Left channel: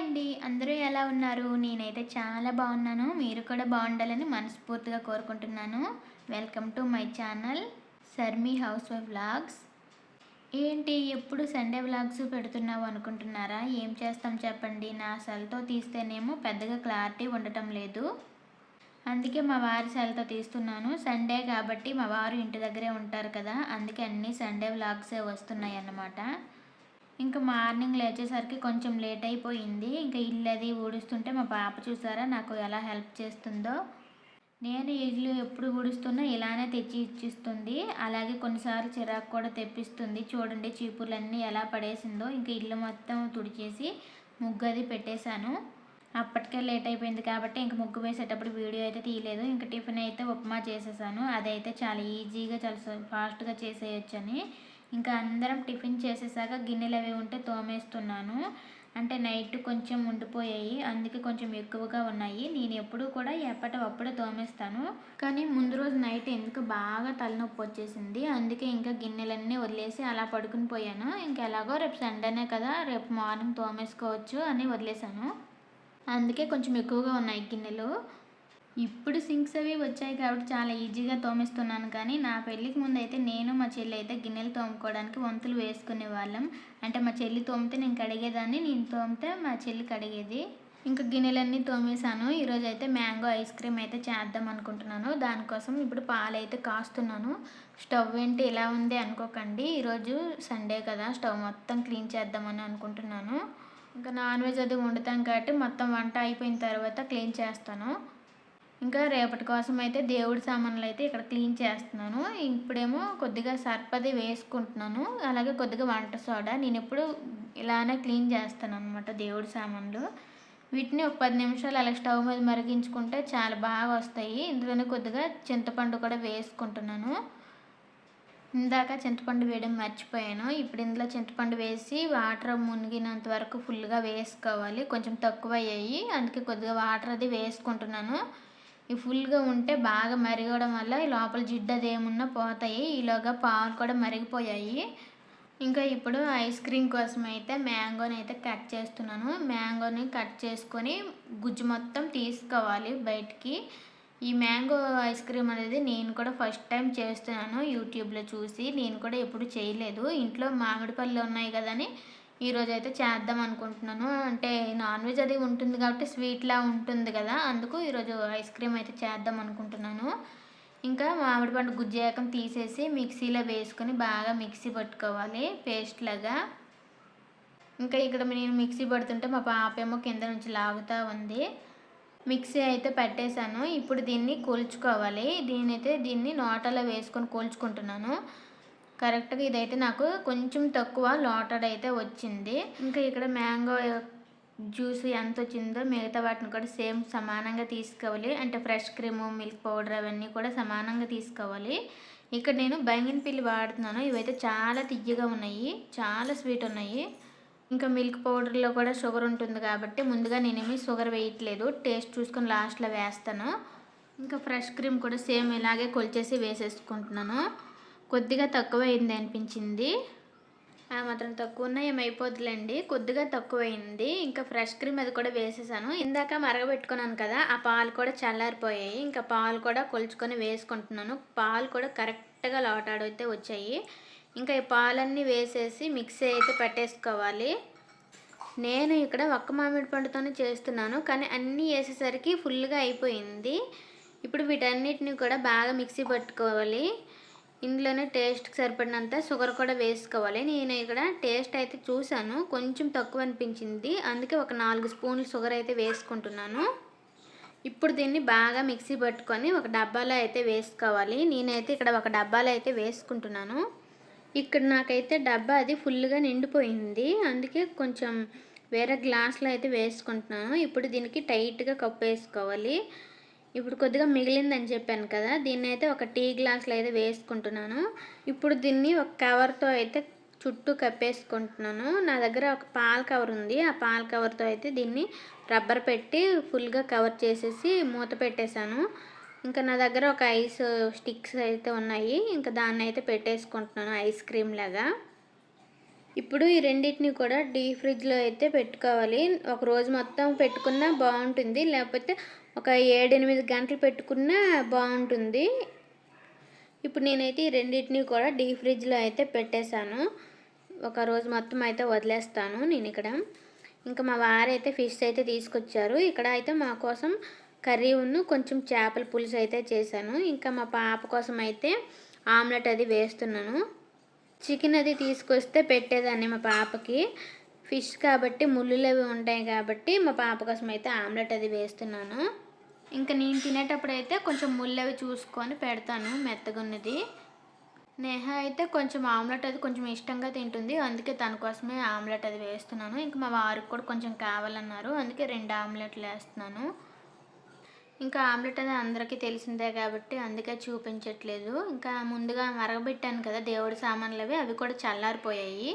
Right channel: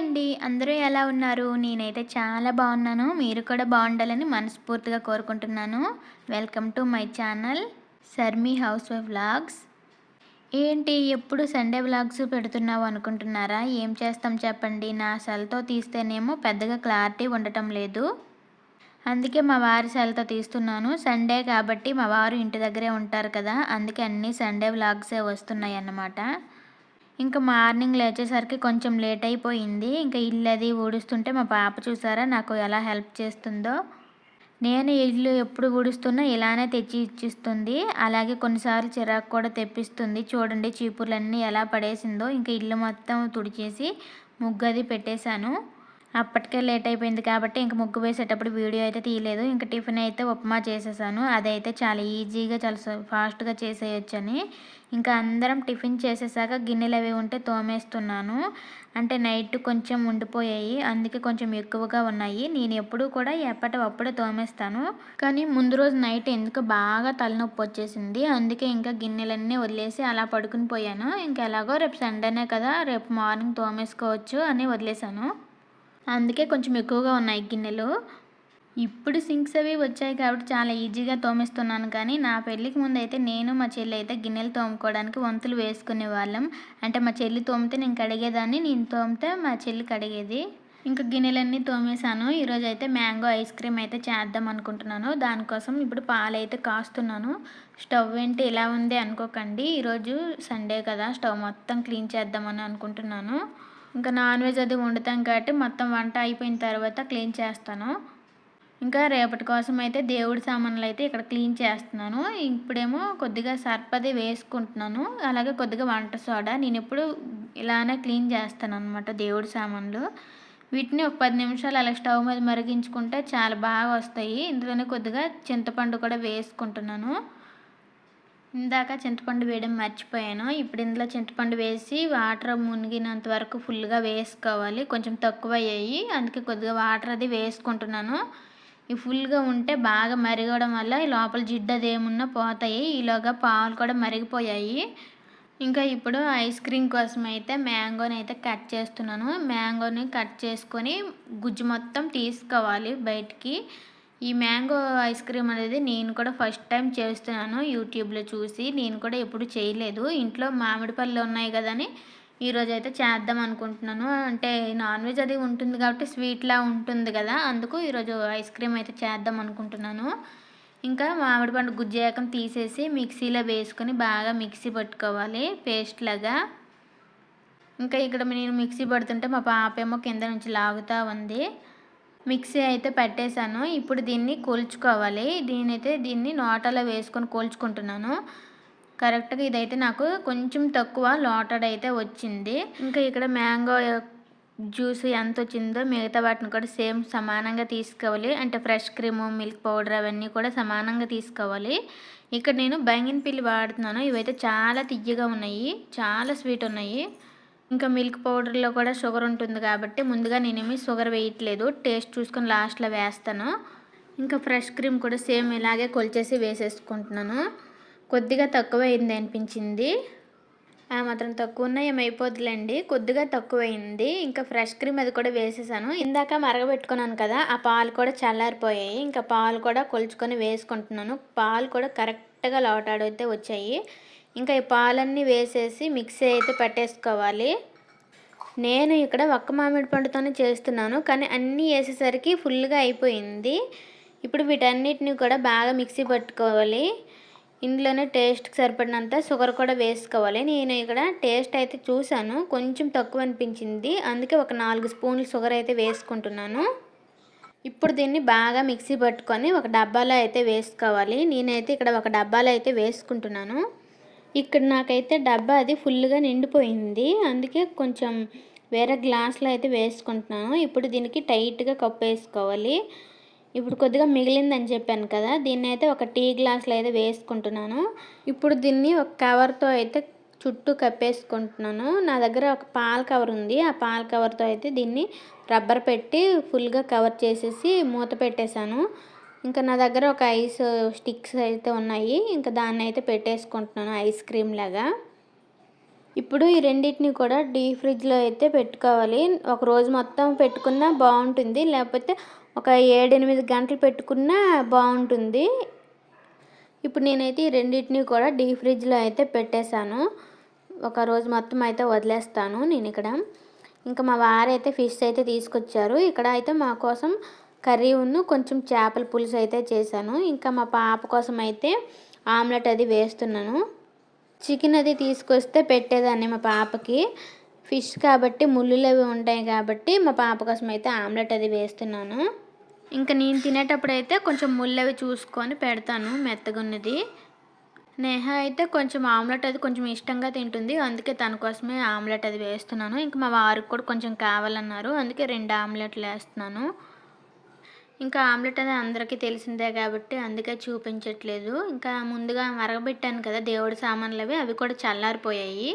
అండి. అందరూ ఎలా ఉన్నారు? నేనైతే చాలా బాగున్నాను. మీరు కూడా బాగుండాలని మనస్ఫూర్తిగా కోరుకుంటున్నాను. Welcome to my channel Sharmi housewife vlogs. ఏంటి ఎప్పుడు సండే వ్లాగ్స్ పెడుతున్నావు అనుకుంటున్నారా? ఏం చేస్తాం చెప్పండి. నా సెల్‌తో తీస్తేనేమో పెద్దగా క్లారిటీ ఉండటం లేదు. అందుకే మా వారి సెల్‌తో తీస్తున్నాను. సండే కాబట్టి మా వారు ఇంటి దగ్గరే ఉంటారు కదా! అందుకే అన్నీ సండే వ్లాగ్సే వస్తున్నాయన్నమాట. ఇంకా మార్నింగ్ లేచేసరికి కొంచెం లేట్ అయిపోయింది. ఇంకా ఇల్లు అది ఊడుస్తుంటే మా పాప చూసారా నాకు ఎలా హెల్ప్ చేస్తుందో. నేను ఇల్లు ఎప్పుడు ఊడుస్తున్నా ఇలానే తెచ్చి ఇచ్చిస్తుంది. అలాగే కొన్నిసార్లు చిరాకు కూడా తెప్పిస్తుంది. చూడండి చీపుర్లన్నీ ఎలా పడేసిందో. ఇంకా ఇల్లు మొత్తం తుడిచేసి ముగ్గు అది పెట్టేశాను. అప్పటికే లేట్ అయిపోయింది కాబట్టి ఇంక ముగ్గు వేసేటప్పుడు వీడియో అయితే తీయలేదు. ఇంక టిఫిన్ అయితే ఉప్మా చేసేసాను. అదైతే చాలా ఈజీగా చాలా ఫాస్ట్‌గా చేసేయొచ్చని. ఇంకా అందరం టిఫిన్ చేసేసాక గిన్నెలు అవి ఉంటే తోమేస్తున్నాను. అంటే నైట్ కొంచెం ఉండిపోయాయి. అందుకే కొంచెం ఎక్కువగా ఉన్నాయి. నేను ఎప్పుడూ కూడా ఎప్పటివప్పుడే తోమేస్తాను. కానీ ముందు రోజు నైట్ ఎందుకో బాగా తలనొప్పి వచ్చేసింది. అందుకే ఇంకా గిన్నెలన్నీ వదిలేసి అలా పడుకుని పోయాను. ఇంక ఎలాగో రేపు సండేనే కదా! రేపు మార్నింగ్ తోమేసుకోవచ్చు అని వదిలేసాను. అందుకే కొంచెం ఎక్కువగా ఉన్నాయి గిన్నెలు. ఇప్పుడు సింక్స్ అవి వచ్చాయి కాబట్టి చాలా ఈజీగా తోమేస్తున్నాను. కానీ నా పెళ్ళికి ముందైతే నేను మా చెల్లి అయితే గిన్నెలు తోముకోవడానికి వంతులు వేసుకునేవాళ్ళం. అంటే మా చెల్లి తోమితే నేను కడిగేదాన్ని. నేను తోమితే మా చెల్లి కడిగేది. ఇంకా గిన్నెలన్నీ తోమేశాను. ఈరోజైతే మ్యాంగో ఐస్ క్రీమ్ అయితే చేద్దాం అనుకుంటున్నాను. దానికోసం ఇప్పుడు పాలైతే కాస్తున్నాను. స్టవ్ ఏంటి ఇలా ఉంది అనుకోకండి. ఈరోజు సండే కదా! స్టవ్ మొత్తం క్లీన్ చేద్దామని అనుకుంటున్నాను. ఇంకా నాన్ వెజ్ అది వండుతాం కాబట్టి మొత్తం వంట అయిపోయిన తర్వాత క్లీన్ చేస్తాను. ఇంకా రేపటి కోసం అయితే దేవుడి సామాన్లు అయితే ఇక్కడ క్లీన్ చేస్తున్నాను. ఇప్పుడేమో కొద్దిగా సర్ఫ్ అది వేసుకుంటున్నాను. అలాగే కొద్దిగా వంట సోడా. నేను ఎప్పుడు ఇలానే క్లీన్ చేస్తాను అనమాట దేవుడి సామాన్లు. వీటిని ఒక 10 నిమిషాలు అలా స్టవ్ మీద మరిగించుకుంటే చాలా బాగా వస్తాయి. ఇందులోనే కొద్దిగా చింతపండు కూడా వేసుకుంటున్నాను. ఇందాక చింతపండు వేయడం మర్చిపోయాను. ఇప్పుడు ఇందులో చింతపండు వేసి వాటర్ మునిగినంత వరకు ఫుల్‌గా వేసుకోవాలి. కొంచెం తక్కువయ్యాయి. అందుకే కొద్దిగా వాటర్ అది వేసుకుంటున్నాను. ఈ ఫుల్‌గా ఉంటే బాగా మరగడం వల్ల ఈ లోపల జిడ్డు అది ఏమున్నా పోతాయి. ఈలోగా పాలు కూడా మరిగిపోయాయి. ఇంకా ఇప్పుడు ఐస్ క్రీమ్ కోసం అయితే మ్యాంగోని అయితే కట్ చేస్తున్నాను. మ్యాంగోని కట్ చేసుకొని గుజ్జు మొత్తం తీసుకోవాలి బయటికి. ఈ మ్యాంగో ఐస్ క్రీమ్ అనేది నేను కూడా ఫస్ట్ టైం చేస్తున్నాను యూట్యూబ్లో చూసి. నేను కూడా ఎప్పుడు చేయలేదు. ఇంట్లో మామిడి పళ్ళు ఉన్నాయి కదా అని ఈరోజైతే చేద్దాం అనుకుంటున్నాను. అంటే నాన్ వెజ్ అది ఉంటుంది కాబట్టి స్వీట్లా ఉంటుంది కదా! అందుకు ఈరోజు ఐస్ క్రీమ్ అయితే చేద్దాం అనుకుంటున్నాను. ఇంకా మామిడి పండు గుజ్జేకం తీసేసి మిక్సీలో వేసుకొని బాగా మిక్సీ పట్టుకోవాలి పేస్ట్ లాగా. ఇంకా ఇక్కడ నేను మిక్సీ పడుతుంటే మా పాప ఏమో కింద నుంచి లాగుతూ ఉంది. మిక్సీ అయితే పట్టేశాను. ఇప్పుడు దీన్ని కొలుచుకోవాలి. దీన్ని నోటలో వేసుకొని కొలుచుకుంటున్నాను. కరెక్ట్‌గా ఇదైతే నాకు కొంచెం తక్కువ లోటడైతే వచ్చింది. ఇంకా ఇక్కడ మ్యాంగో జ్యూస్ ఎంత వచ్చిందో మిగతా వాటిని కూడా సేమ్ సమానంగా తీసుకోవాలి. అంటే ఫ్రెష్ క్రీము, మిల్క్ పౌడర్ అవన్నీ కూడా సమానంగా తీసుకోవాలి. ఇక్కడ నేను బంగినపల్లి వాడుతున్నాను. ఇవైతే చాలా తియ్యగా ఉన్నాయి. చాలా స్వీట్ ఉన్నాయి. ఇంకా మిల్క్ పౌడర్‌లో కూడా షుగర్ ఉంటుంది కాబట్టి ముందుగా నేనేమి షుగర్ వేయట్లేదు. టేస్ట్ చూసుకొని లాస్ట్‌లో వేస్తాను. ఇంకా ఫ్రెష్ క్రీమ్ కూడా సేమ్ ఇలాగే కొలిచేసి వేసేసుకుంటున్నాను. కొద్దిగా తక్కువైంది అనిపించింది. ఆ మాత్రం తక్కువున్నా ఏమైపోద్దులేండి. కొద్దిగా తక్కువైంది. ఇంకా ఫ్రెష్ క్రీమ్ అది కూడా వేసేసాను. ఇందాక మరగబెట్టుకున్నాను కదా! ఆ పాలు కూడా చల్లారిపోయాయి. ఇంకా పాలు కూడా కొలుచుకొని వేసుకుంటున్నాను. పాలు కూడా కరెక్ట్‌గా లోటాడైతే వచ్చాయి. ఇంకా ఈ పాలన్నీ వేసేసి మిక్సీ అయితే పట్టేసుకోవాలి. నేను ఇక్కడ ఒక్క మామిడి పండుతోనే చేస్తున్నాను. కానీ అన్నీ ఏసేసరికి ఫుల్‌గా అయిపోయింది. ఇప్పుడు వీటన్నిటిని కూడా బాగా మిక్సీ పట్టుకోవాలి. ఇందులోనే టేస్ట్‌కి సరిపడినంత షుగర్ కూడా వేసుకోవాలి. నేను ఇక్కడ టేస్ట్ అయితే చూసాను. కొంచెం తక్కువ అనిపించింది. అందుకే ఒక 4 స్పూన్లు షుగర్ అయితే వేసుకుంటున్నాను. ఇప్పుడు దీన్ని బాగా మిక్సీ పట్టుకొని ఒక డబ్బాలో అయితే వేసుకోవాలి. నేనైతే ఇక్కడ ఒక డబ్బాలో అయితే వేసుకుంటున్నాను. ఇక్కడ నాకైతే డబ్బా అది ఫుల్‌గా నిండిపోయింది. అందుకే కొంచెం వేరే గ్లాస్‌లో అయితే వేసుకుంటున్నాను. ఇప్పుడు దీనికి టైట్‌గా కప్పేసుకోవాలి. ఇప్పుడు కొద్దిగా మిగిలిందని చెప్పాను కదా! దీన్నైతే ఒక టీ గ్లాస్‌లో అయితే వేసుకుంటున్నాను. ఇప్పుడు దీన్ని ఒక కవర్‌తో అయితే చుట్టూ కప్పేసుకుంటున్నాను. నా దగ్గర ఒక పాల కవర్ ఉంది. ఆ పాల కవర్‌తో అయితే దీన్ని రబ్బర్ పెట్టి ఫుల్‌గా కవర్ చేసేసి మూత పెట్టేశాను. ఇంకా నా దగ్గర ఒక ఐస్ స్టిక్స్ అయితే ఉన్నాయి. ఇంకా దాన్నైతే పెట్టేసుకుంటున్నాను ఐస్ క్రీమ్ లాగా. ఇప్పుడు ఈ రెండిటిని కూడా డీప్ ఫ్రిడ్జ్లో అయితే పెట్టుకోవాలి. ఒక రోజు మొత్తం పెట్టుకున్నా బాగుంటుంది, లేకపోతే ఒక 7-8 గంటలు పెట్టుకున్నా బాగుంటుంది. ఇప్పుడు నేనైతే ఈ రెండింటిని కూడా డీప్ ఫ్రిడ్జ్లో అయితే పెట్టేశాను. ఒక రోజు మొత్తం అయితే వదిలేస్తాను నేను ఇక్కడ. ఇంకా మా వారైతే ఫిష్ అయితే తీసుకొచ్చారు. ఇక్కడ అయితే మా కోసం కర్రీ కొంచెం చేపల పులుసు అయితే చేశాను. ఇంకా మా పాప కోసం అయితే ఆమ్లెట్ అది వేస్తున్నాను. చికెన్ అది తీసుకొస్తే పెట్టేదాన్ని మా పాపకి. ఫిష్ కాబట్టి ముళ్ళులు అవి ఉంటాయి కాబట్టి మా పాప కోసం అయితే ఆమ్లెట్ అది వేస్తున్నాను. ఇంకా నేను తినేటప్పుడు అయితే కొంచెం ముళ్ళు అవి చూసుకొని పెడతాను, మెత్తగున్నది. నేహ అయితే కొంచెం ఆమ్లెట్ అది కొంచెం ఇష్టంగా తింటుంది, అందుకే తన కోసమే ఆమ్లెట్ అది వేస్తున్నాను. ఇంకా మా వారికి కూడా కొంచెం కావాలన్నారు, అందుకే 2 ఆమ్లెట్లు వేస్తున్నాను. ఇంకా ఆమ్లెట్ అది అందరికీ తెలిసిందే కాబట్టి అందుకే చూపించట్లేదు. ఇంకా ముందుగా మరగబెట్టాను కదా దేవుడి సామాన్లు అవి కూడా చల్లారిపోయాయి.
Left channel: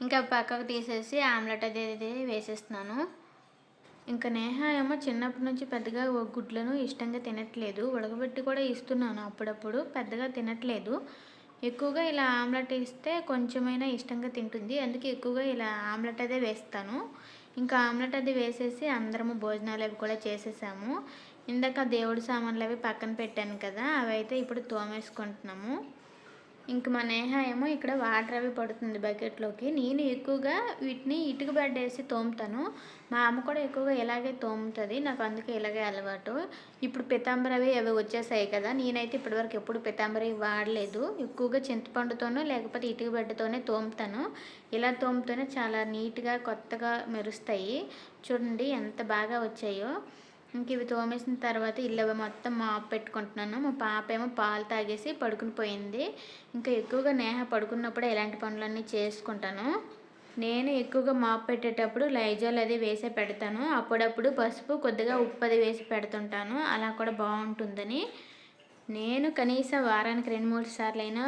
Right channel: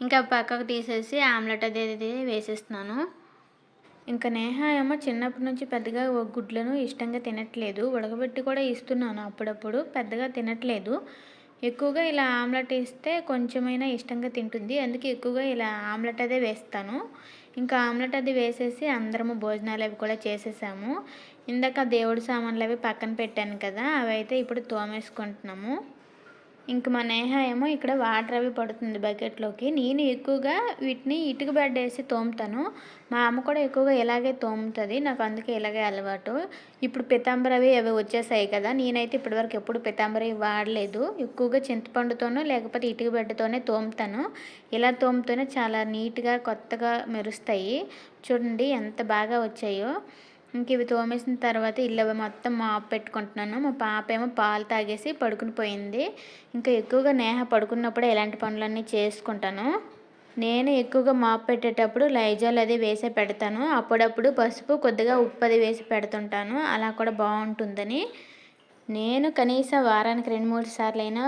ఇంకా పక్కకు తీసేసి ఆమ్లెట్ అది వేసేస్తున్నాను. ఇంకా నేహ ఏమో చిన్నప్పటి నుంచి పెద్దగా గుడ్లను ఇష్టంగా తినట్లేదు. ఉడకబెట్టి కూడా ఇస్తున్నాను అప్పుడప్పుడు, పెద్దగా తినట్లేదు. ఎక్కువగా ఇలా ఆమ్లెట్ ఇస్తే కొంచెమైనా ఇష్టంగా తింటుంది, అందుకే ఎక్కువగా ఇలా ఆమ్లెట్ అదే వేస్తాను. ఇంకా ఆమ్లెట్ అది వేసేసి అందరము భోజనాలు అవి కూడా చేసేసాము. ఇందాక దేవుడి సామాన్లు అవి పక్కన పెట్టాను కదా, అవి అయితే ఇప్పుడు తోమేసుకుంటున్నాము. ఇంక మా నేహ ఏమో ఇక్కడ వాటర్ అవి పడుతుంది బకెట్లోకి. నేను ఎక్కువగా వీటిని ఇటుక బెడ్ వేసి తోముతాను. మా అమ్మ కూడా ఎక్కువగా ఇలాగే తోముతుంది, నాకు అందుకే ఇలాగే అలవాటు. ఇప్పుడు పితాంబరి అవి వచ్చేసాయి కదా, నేనైతే ఇప్పటివరకు ఎప్పుడు పితాంబరి వాడలేదు. ఎక్కువగా చింతపండుతోనో లేకపోతే ఇటుక బెడ్డతోనే తోముతాను. ఇలా తోముతూనే చాలా నీట్గా కొత్తగా మెరుస్తాయి. చూడండి ఎంత బాగా వచ్చాయో. ఇంక ఇవి తోమేసిన తర్వాత ఇల్లు మొత్తం మాప్ పెట్టుకుంటున్నాను. మా పాప ఏమో పాలు తాగేసి పడుకుని పోయింది. ఇంకా ఎక్కువగా నేహ పడుకున్నప్పుడే ఇలాంటి పనులన్నీ చేసుకుంటాను. నేను ఎక్కువగా మాప్ పెట్టేటప్పుడు లైజాల్ అది వేసే పెడతాను. అప్పుడప్పుడు పసుపు కొద్దిగా ఉప్పు అది వేసి పెడుతుంటాను, అలా కూడా బాగుంటుందని. నేను కనీసం వారానికి 2-3 సార్లు అయినా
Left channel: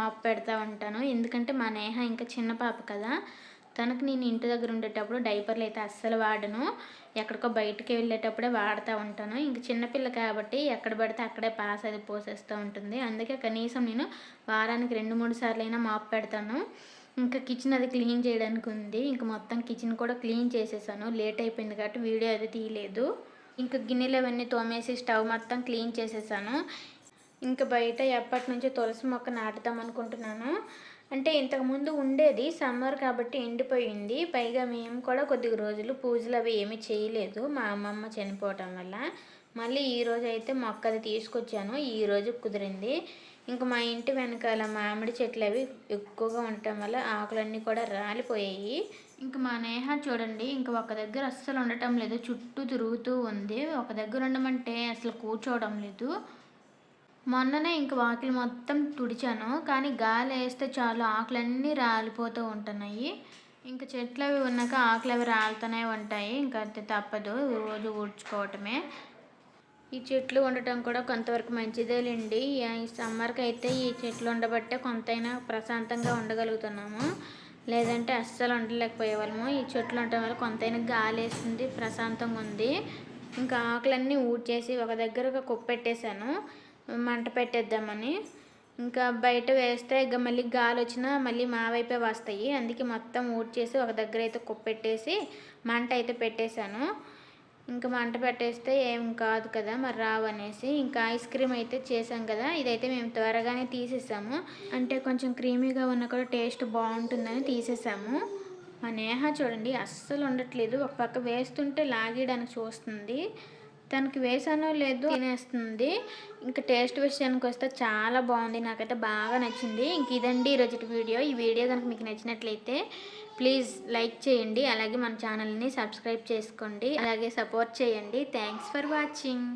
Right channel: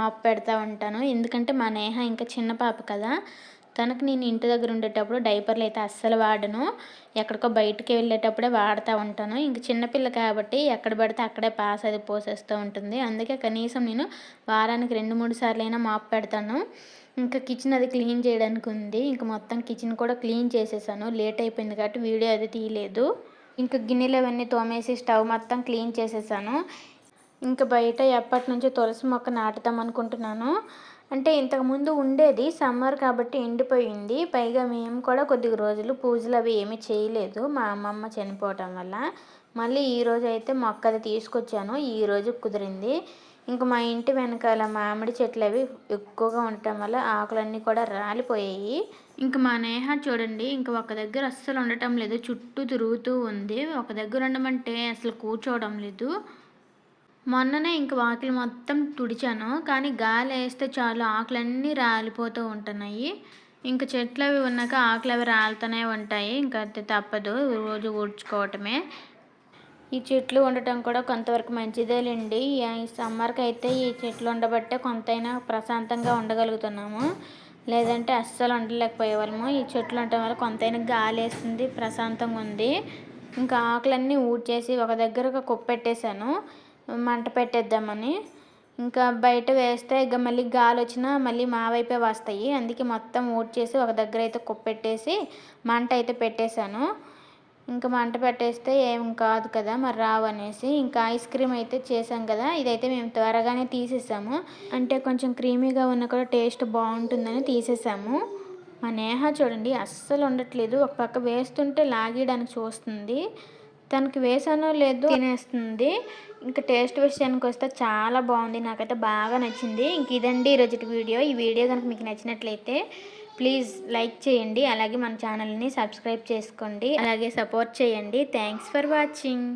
మాప్ పెడతా ఉంటాను. ఎందుకంటే మా నేహ ఇంకా చిన్న పాప కదా, తనకు నేను ఇంటి దగ్గర ఉండేటప్పుడు డైపర్లు అయితే అస్సలు వాడను. ఎక్కడికో బయటికి వెళ్ళేటప్పుడే వాడుతూ ఉంటాను. ఇంక చిన్నపిల్ల కాబట్టి ఎక్కడ పడితే అక్కడే పాస్ అది పోసేస్తూ ఉంటుంది. అందుకే కనీసం నేను వారానికి 2-3 సార్లు అయినా మాప్ పెడతాను. ఇంకా కిచెన్ అది క్లీన్ చేయడానికి ఉంది. ఇంక మొత్తం కిచెన్ కూడా క్లీన్ చేసేసాను. లేట్ అయిపోయింది కాబట్టి వీడియో అది తీయలేదు. ఇంకా గిన్నెలు అవన్నీ తోమేసి స్టవ్ మొత్తం క్లీన్ చేసేసాను. ఇంకా బయట ఎప్పటి నుంచో తులసి మొక్క నాటుదాం అనుకుంటున్నాను. అంటే ఇంతకుముందు ఉండేది, సమ్మర్ కాబట్టి ఎండిపోయింది. పైగా మేము కూడా కొద్ది రోజులు పూజలు అవి ఏమీ చేయలేదు మా అమ్మమ్మ చనిపోవటం వల్ల. మళ్ళీ ఈరోజు అయితే మొక్క అది తీసుకొచ్చాను, ఈరోజు కుదిరింది. ఇంకా మా ఇంటి వెనకాల మామిడి చెట్లు అవి ఎక్కువగా ఉండటం వల్ల ఆకులన్నీ కూడా రాలిపోయాయి. ఇంక మా నేహ చూడండి, ఇంక ఒక దగ్గర అస్సలు ఉండటం లేదు, చుట్టూ తిరుగుతూ ఉంది. ఒక దగ్గర ఉండమంటే అసలు కూర్చోవడం లేదు. మొన్ననే ఇంక వాకిలి మొత్తం తుడిచాను, కానీ గాలి వేస్తే చాలు ఆకులన్నీ రాలిపోతూ ఉంటున్నాయి. ఇంక చెట్లు అవి ఉన్నాక ఆకులు అవి రాలుతూనే ఉంటాయి, ఇంకా అది తప్పదు, రోజు ఊడ్చుకోవటమే. ఈ చెట్లు ఉండటం కూడా కొంతవరకు మంచిదేలేండి. ఈ సమ్మర్కి అయితే ఈ చెట్లు ఉండబట్టే కొంతైనా ప్రశాంతంగా ఉండగలుగుతున్నాము, లేదంటే అస్సలు ఉండలేకపోయేవాళ్ళము. ఈ చెట్లు ఉండటం వల్ల కొంతైనా గాలి వేస్తుంది, ప్రశాంతంగా ఉంది. ఇంకా ఆకులన్నీ ఊడ్చేసి ఒక దగ్గరగా కుప్పెట్టేశాను మంట పెట్టేద్దామని. ఇంకా బయట వేస్తే ఇక మళ్ళీ గాలి వచ్చినా మళ్ళీ మా వైపే వస్తాయి, అందుకే మొత్తం ఊడ్చేసి ఒక దగ్గర అయితే కుప్పెట్టేసి మంట అయితే పెట్టేశాను. ఇంకా మంట పెట్టేస్తే ఏం కాదు కదా మరి రావు అనేసి. ఇంకా ఐస్ క్రీమ్ అయితే చేసాం కదా, ఇదైతే మేము త్వరగానే తీసేసాము, అంటే కొంచెం క్రీమీగా ఉన్న కూడా టేస్ట్ బాగుంటుందని తీసేసాము. మా నేహ చూడండి అస్సలు ఉండట్లేదు, ఒక పక్క వేస్తుంటే లాగేయడానికి చూస్తుంది, తనకి వేసానో లేదో తినేస్తుంది. ఇంకా టేస్ట్ విషయానికి వస్తే చాలా బాగుంది, నాకైతే బాగా నచ్చింది. ఇంక ఇదండి ఈరోజు వీడియో. ఈ వీడియో కనుక మీకు నచ్చినట్లయితే ప్లీజ్ లైక్ చేయండి, అలాగే మన ఛానల్ని సబ్స్క్రైబ్ చేసుకోండి, అలాగే సపోర్ట్ చేయండి. Thanks for watching.